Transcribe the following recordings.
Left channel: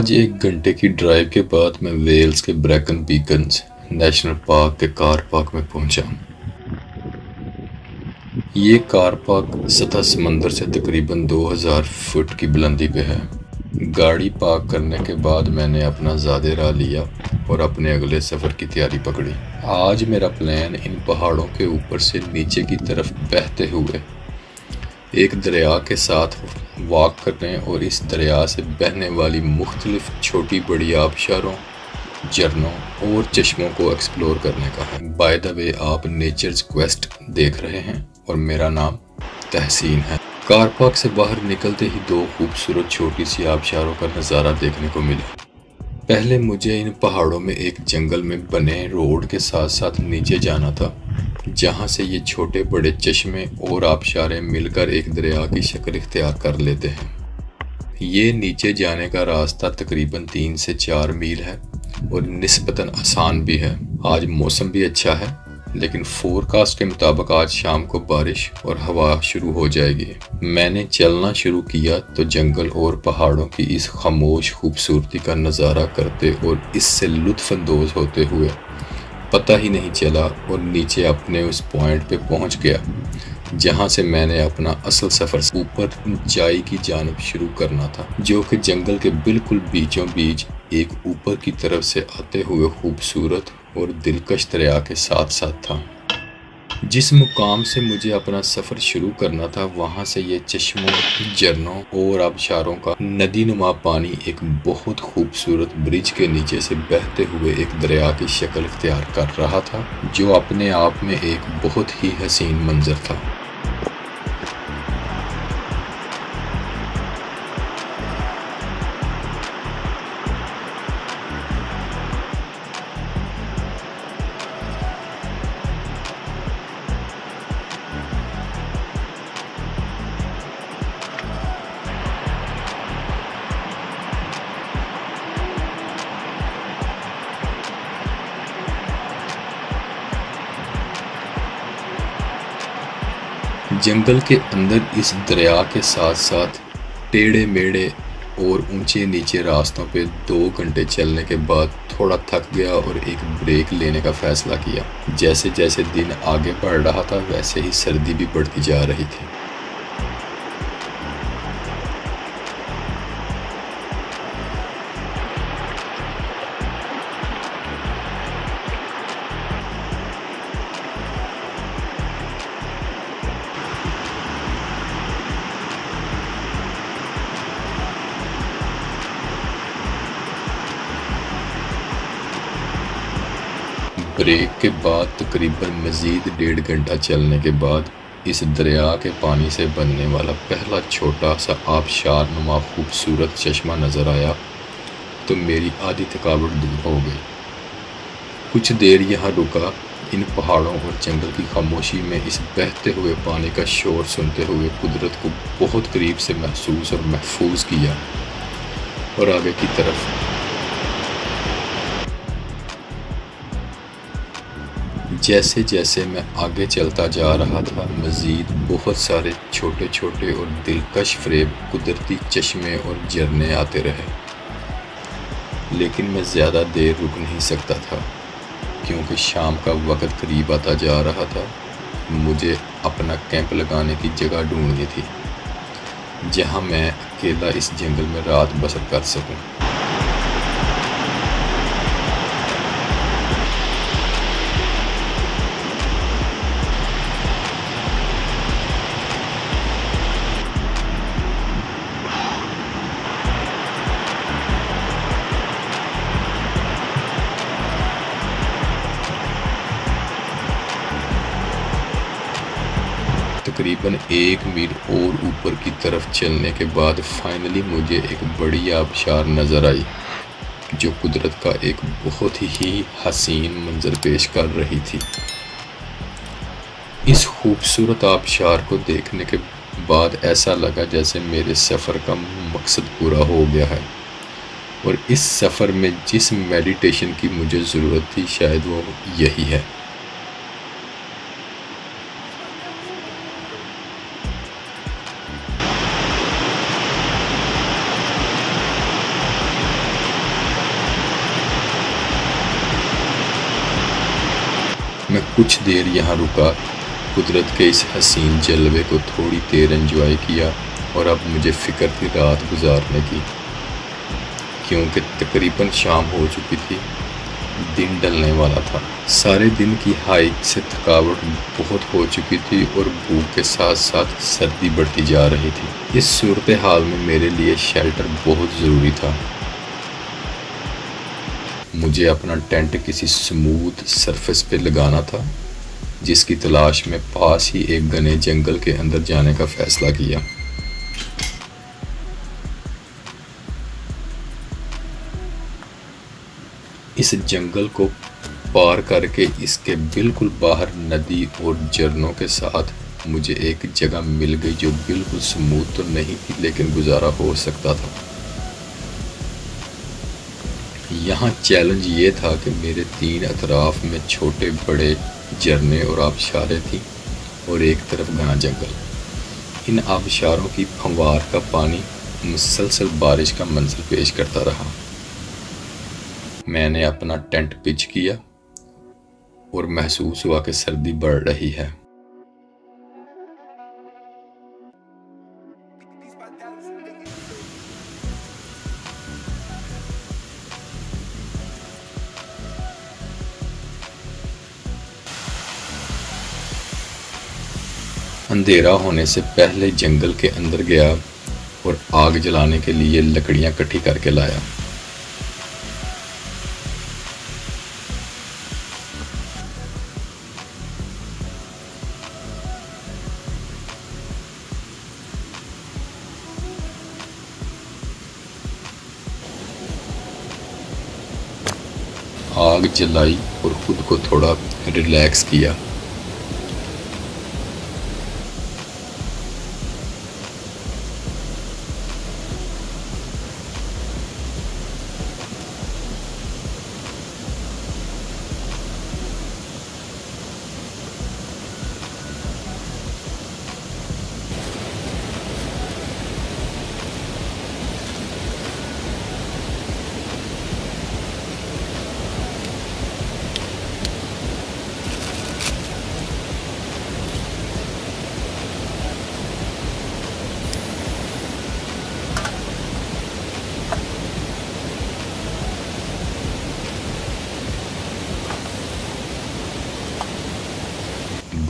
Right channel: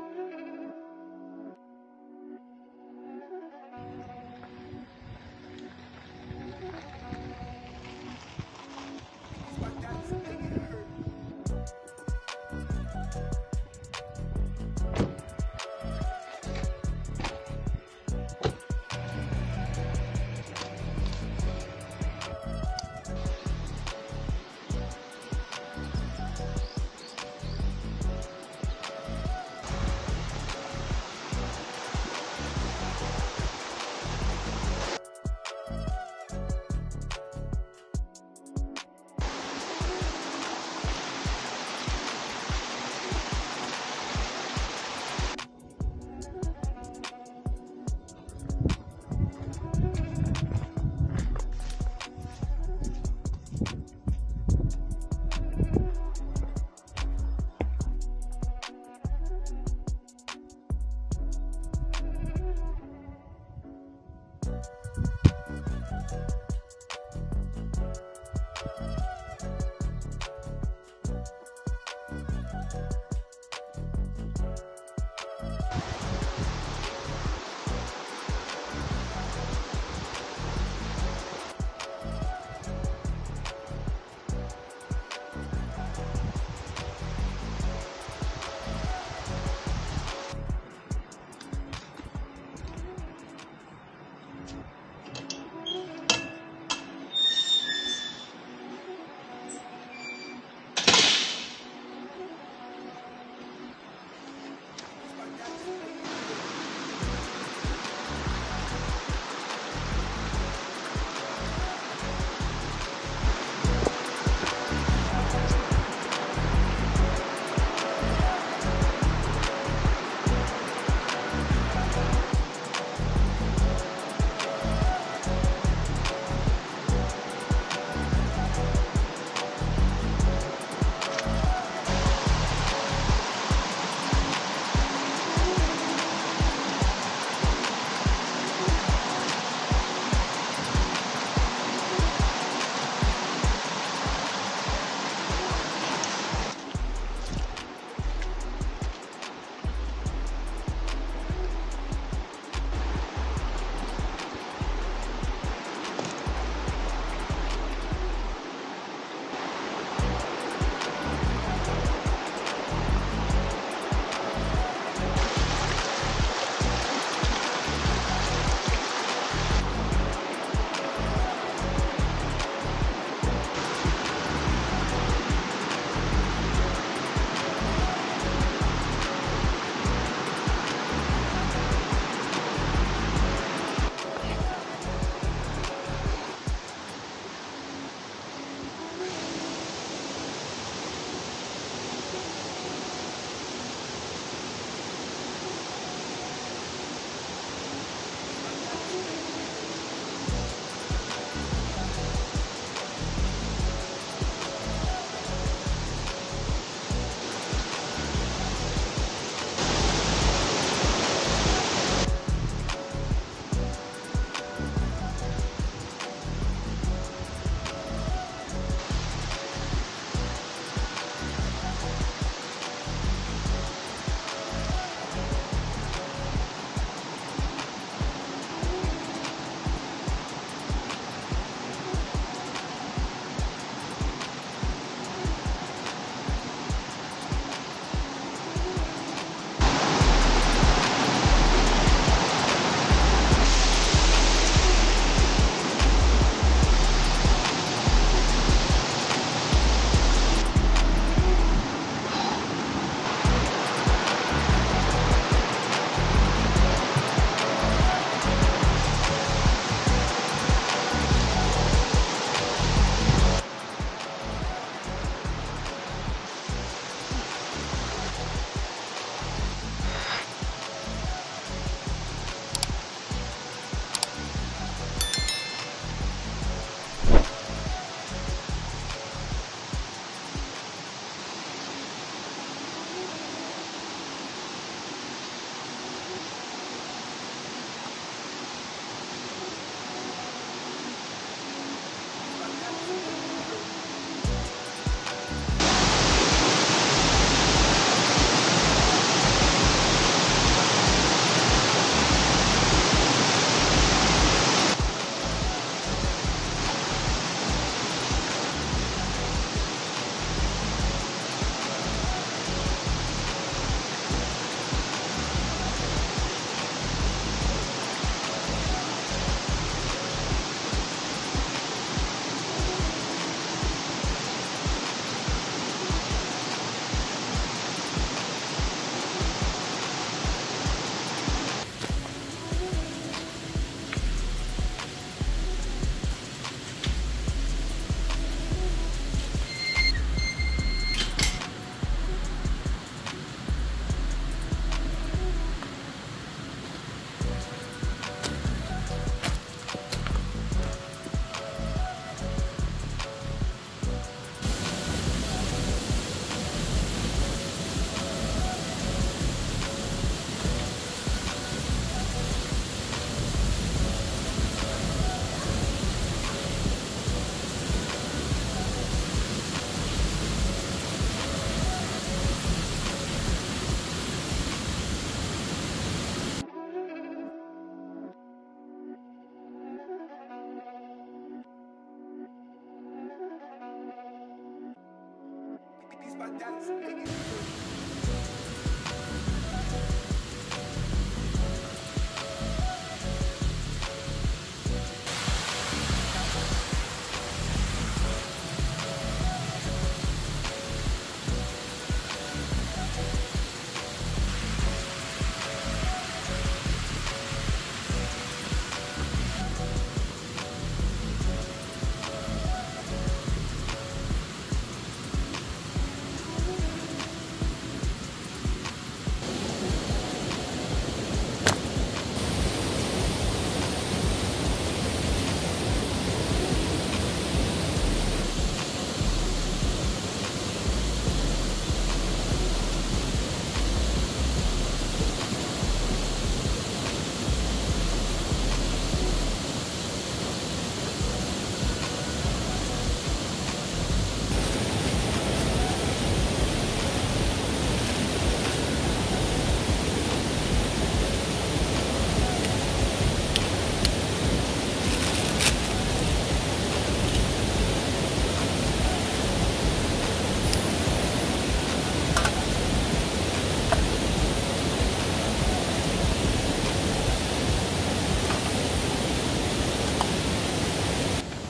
आज 1 घंटे की ड्राइव के बाद मैं वेल्स के ब्रैकन बीकन्स नेशनल पार्क के कार पार्क में पहुंचा। ये कार पार्क सतह समंदर से तकरीबन 2000 फुट की बुलंदी पे है। गाड़ी पार्क करने के बाद मैंने अपना ज़ादे राह लिया और अपने अगले सफ़र की तैयारी पकड़ी। आज मेरा प्लान इन पहाड़ों के ऊपर से नीचे की तरफ बहते हुए एक दरिया के साथ वॉक करने और इस दरिया से बहने वाली मुख्तलिफ छोटी बड़ी आबशारों, झरनों और चश्मों को एक्सप्लोर करने का है। बाय द वे, आप नेचर्स क्वेस्ट देख रहे हैं और मेरा नाम तहसीन है। कार पार्क से बाहर निकलते ही दो खूबसूरत छोटी सी आबशारों का नज़ारा देखने को मिला। पहले मुझे इन पहाड़ों में एक जंगल में बने रोड के साथ साथ नीचे जाना था, जहाँ से ये छोटे बड़े चश्मे और आबशारें मिलकर एक दरिया की शक्ल इख्तियार कर लेते हैं। ये नीचे जाने का रास्ता तकरीबन 3 से 4 मील है और निस्बतन आसान भी है। आज मौसम भी अच्छा है, लेकिन फोरकास्ट के मुताबिक आज शाम को बारिश और हवा शुरू हो जाएगी। मैंने चलना शुरू किया तो जंगल और पहाड़ों की इस खामोश खूबसूरती का नज़ारा करते और इससे लुत्फ़अंदोज़ होते हुए पता ही नहीं चला और नीचे अपने उस पॉइंट पे पहुंच गया जहां से मैंने अपना असल सफ़र ऊपर ऊंचाई की जानिब शुरू करना था, जो कि जंगल के बिल्कुल बीचों बीच एक ऊपर की तरफ से आते हुए खूबसूरत और दिलकश दरिया के साथ साथ था। जिस मुकाम से मुझे अपना सफ़र शुरू करना था, वहाँ से ये चश्मों, झरनों और आबशारों का नदी नुमा पानी एक बहुत खूबसूरत ब्रिज के नीचे से बहते हुए एक दरिया की शक्ल इख्तियार कर रहा था, जो अपने आप में एक बहुत ही हसीन मंजर था। जंगल के अंदर इस दरिया के साथ साथ टेढ़े मेढ़े और ऊंचे नीचे रास्तों पे 2 घंटे चलने के बाद थोड़ा थक गया और एक ब्रेक लेने का फ़ैसला किया। जैसे जैसे दिन आगे बढ़ रहा था, वैसे ही सर्दी भी बढ़ती जा रही थी। ब्रेक के बाद तकरीबन मज़ीद 1.5 घंटा चलने के बाद इस दरिया के पानी से बनने वाला पहला छोटा सा आबशार नुमा खूबसूरत चश्मा नज़र आया तो मेरी आधी थकावट दूर हो गई। कुछ देर यहाँ रुका, इन पहाड़ों और जंगल की खामोशी में इस बहते हुए पानी का शोर सुनते हुए कुदरत को बहुत करीब से महसूस और महफूज किया और आगे की तरफ जैसे जैसे मैं आगे चलता जा रहा था, मज़ीद बहुत सारे छोटे छोटे और दिलकश फ़रेब कुदरती चश्मे और झरने आते रहे, लेकिन मैं ज़्यादा देर रुक नहीं सकता था क्योंकि शाम का वक्त करीब आता जा रहा था। मुझे अपना कैंप लगाने की जगह ढूंढनी थी जहां मैं अकेला इस जंगल में रात बसर कर सकूं। तकरीबन 1 मील और ऊपर की तरफ चलने के बाद फाइनली मुझे एक बड़ी आबशार नज़र आई, जो कुदरत का एक बहुत ही हसीन मंजर पेश कर रही थी। इस खूबसूरत आबशार को देखने के बाद ऐसा लगा जैसे मेरे सफ़र का मकसद पूरा हो गया है और इस सफ़र में जिस मेडिटेशन की मुझे ज़रूरत थी, शायद वो यही है। कुछ देर यहाँ रुका, कुदरत के इस हसीन जलवे को थोड़ी देर एंजॉय किया और अब मुझे फ़िक्र थी रात गुजारने की, क्योंकि तकरीबन शाम हो चुकी थी, दिन ढलने वाला था। सारे दिन की हाइक से थकावट बहुत हो चुकी थी और भूख के साथ साथ सर्दी बढ़ती जा रही थी। इस सूरत हाल में मेरे लिए शेल्टर बहुत ज़रूरी था। मुझे अपना टेंट किसी स्मूथ सरफेस पे लगाना था, जिसकी तलाश में पास ही एक घने जंगल के अंदर जाने का फ़ैसला किया। इस जंगल को पार करके इसके बिल्कुल बाहर नदी और झरनों के साथ मुझे एक जगह मिल गई जो बिल्कुल स्मूथ तो नहीं थी, लेकिन गुजारा हो सकता था। यहाँ चैलेंज ये था कि मेरे तीन अतराफ में छोटे बड़े झरने और आबशारें थी और एक तरफ घना जंगल। इन आबशारों की फंवार का पानी मुसलसल बारिश का मंजर पेश करता रहा। मैंने अपना टेंट पिच किया और महसूस हुआ कि सर्दी बढ़ रही है। अंधेरा होने से पहले जंगल के अंदर गया और आग जलाने के लिए लकड़ियां इकट्ठी करके लाया। आग जलाई और खुद को थोड़ा रिलैक्स किया।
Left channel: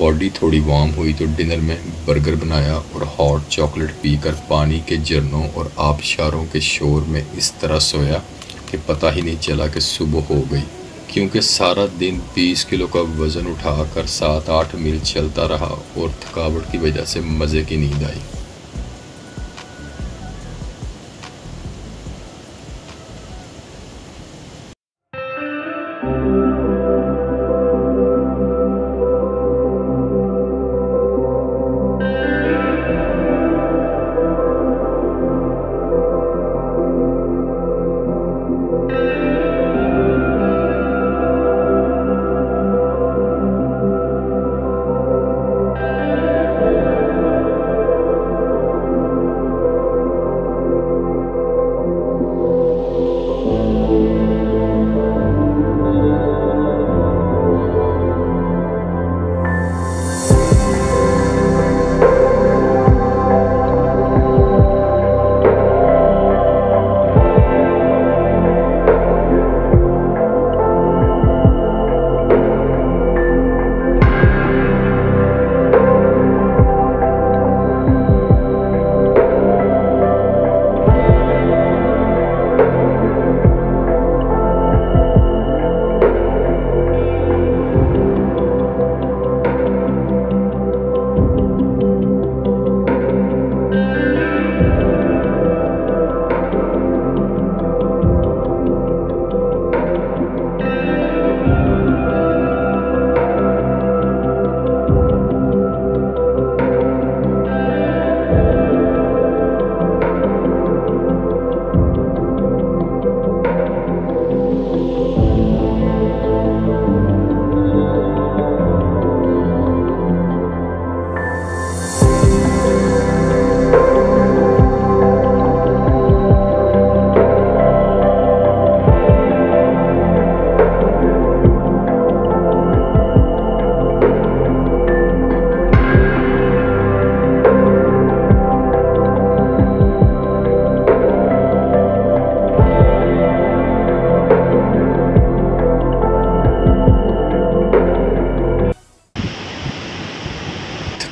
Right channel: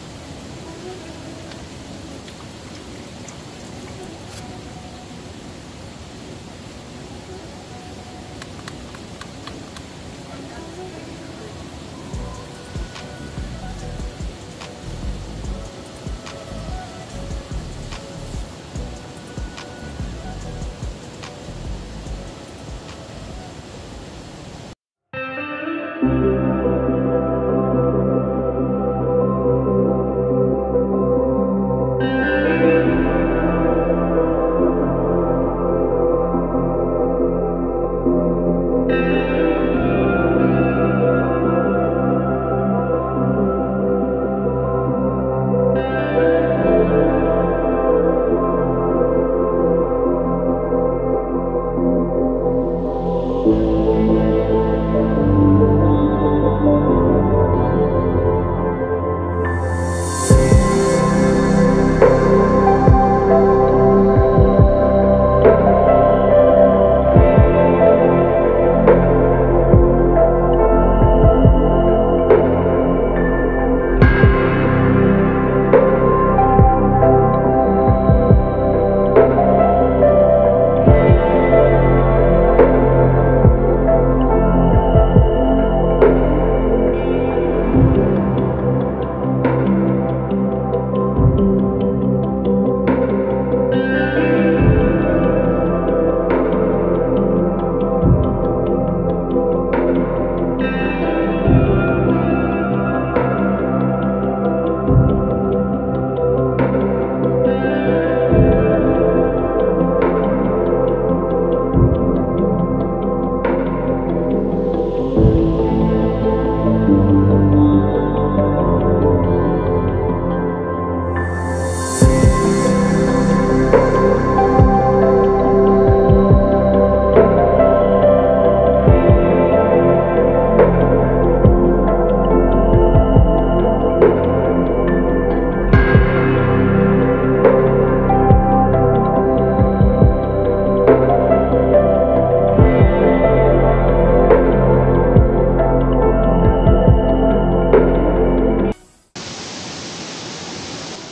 बॉडी थोड़ी वार्म हुई तो डिनर में बर्गर बनाया और हॉट चॉकलेट पीकर पानी के झरनों और आबशारों के शोर में इस तरह सोया कि पता ही नहीं चला कि सुबह हो गई, क्योंकि सारा दिन 20 किलो का वज़न उठाकर 7-8 मील चलता रहा और थकावट की वजह से मज़े की नींद आई।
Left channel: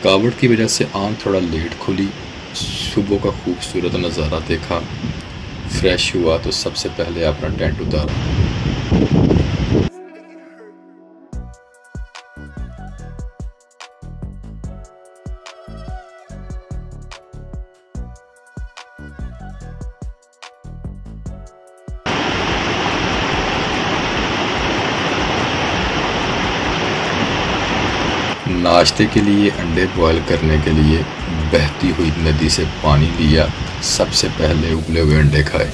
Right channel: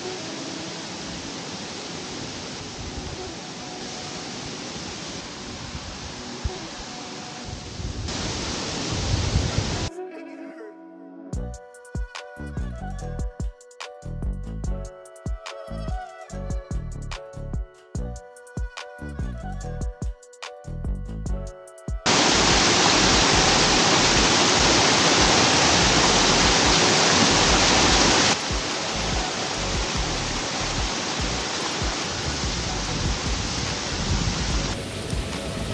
थकावट की वजह से आँख थोड़ा लेट खुली। सुबह का खूबसूरत नज़ारा देखा, फ्रेश हुआ तो सबसे पहले अपना टेंट उतारा। नाश्ते के लिए अंडे बॉयल करने के लिए बहती हुई नदी से पानी लिया। सबसे पहले उबले हुए अंडे खाए।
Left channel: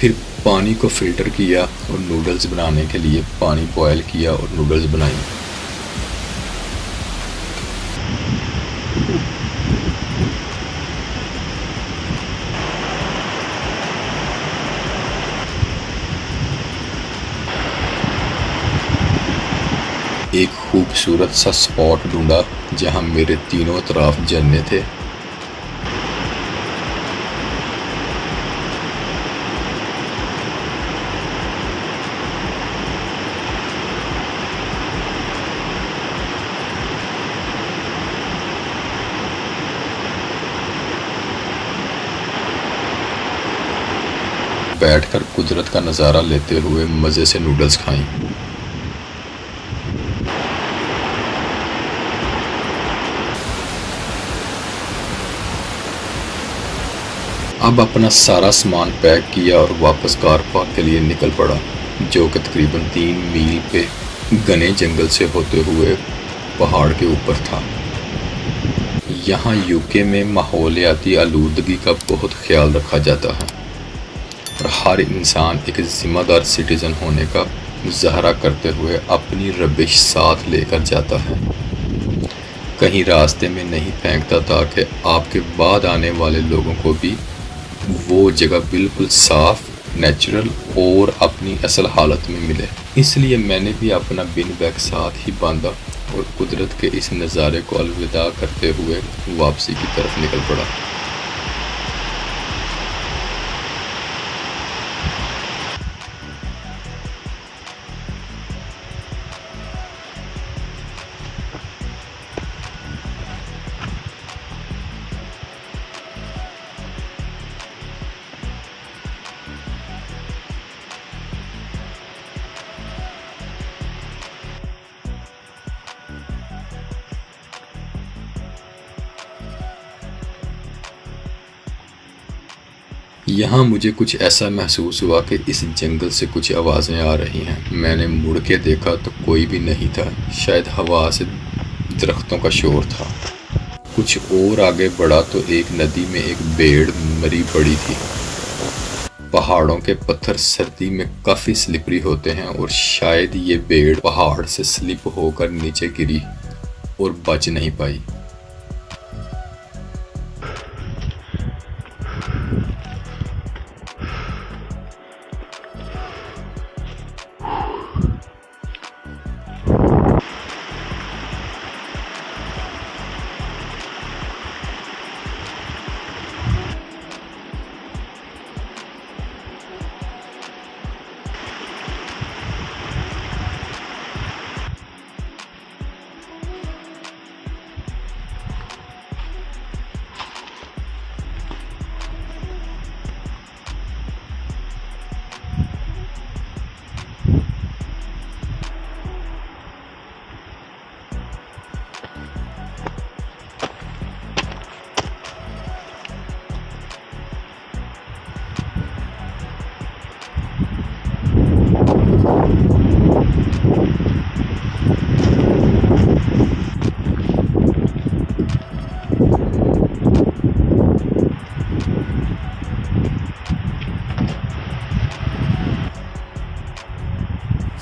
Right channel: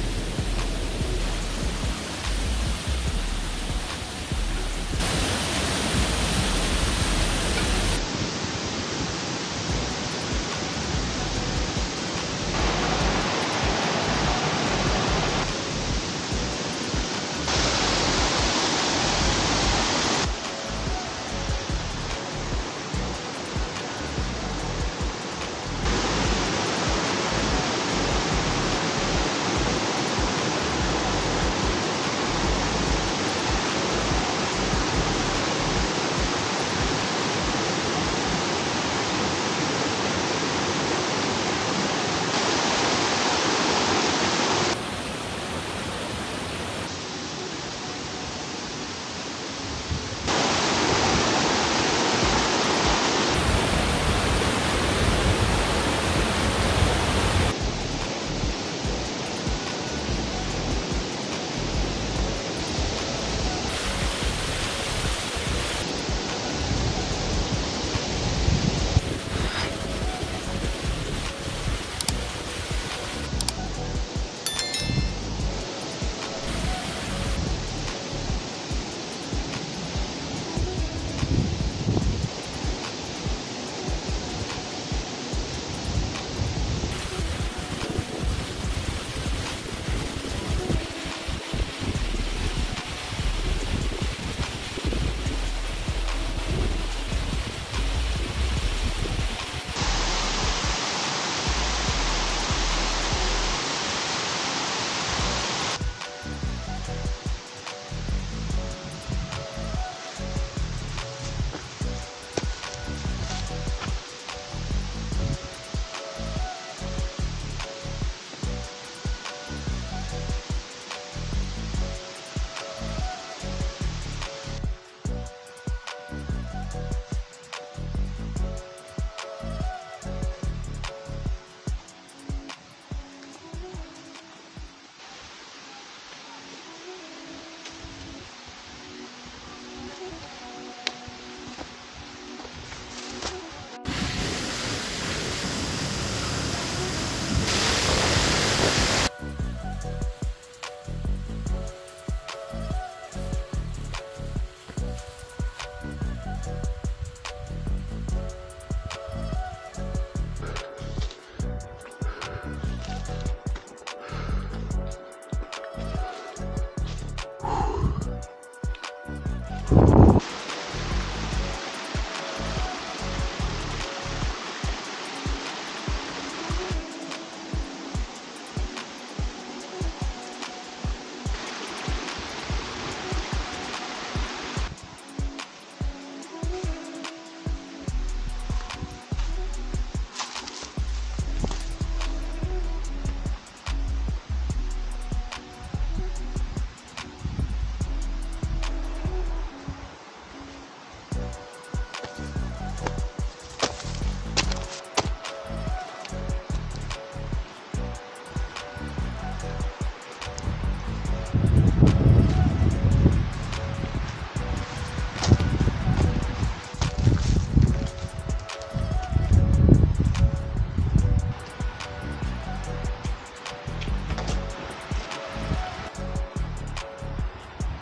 फिर पानी को फ़िल्टर किया और नूडल्स बनाने के लिए पानी बॉयल किया और नूडल्स बनाए। एक खूबसूरत सा स्पॉट ढूंढा जहां मेरे तीनों तरफ झरने थे। बैठकर कुदरत का नज़ारा लेते हुए मज़े से नूडल्स खाएं। अब अपना सारा सामान पैक किया और वापस कार पार्क के लिए निकल पड़ा, जो कि तकरीबन 3 मील पे घने जंगल से होते हुए पहाड़ के ऊपर था। यहाँ यूके में माहौलियाती आलूदगी का बहुत ख्याल रखा जाता है और हर इंसान एक ज़िम्मेदार सिटीज़न होने का मुजाहरा करते हुए अपनी रबिश साथ लेकर जाता है। कहीं रास्ते में नहीं फेंकता ताकि आपके बाद आने वाले लोगों को भी वो जगह बिल्कुल साफ, नेचुरल और अपनी असल हालत में मिले। इसलिए मैंने भी अपना बिन बैग साथ ही बांधा और कुदरत के इस नज़ारे को अलविदा करते हुए वापसी की तरफ निकल पड़ा। यहाँ मुझे कुछ ऐसा महसूस हुआ कि इस जंगल से कुछ आवाज़ें आ रही हैं। मैंने मुड़ के देखा तो कोई भी नहीं था, शायद हवा से दरख्तों का शोर था। कुछ और आगे बढ़ा तो एक नदी में एक भेड़ मरी पड़ी थी। पहाड़ों के पत्थर सर्दी में काफ़ी स्लिपरी होते हैं और शायद ये भेड़ पहाड़ से स्लिप होकर नीचे गिरी और बच नहीं पाई।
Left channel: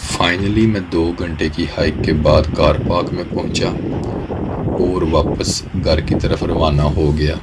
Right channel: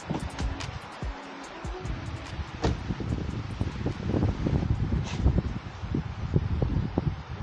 फाइनली मैं 2 घंटे की हाइक के बाद कार पार्क में पहुंचा और वापस घर की तरफ रवाना हो गया।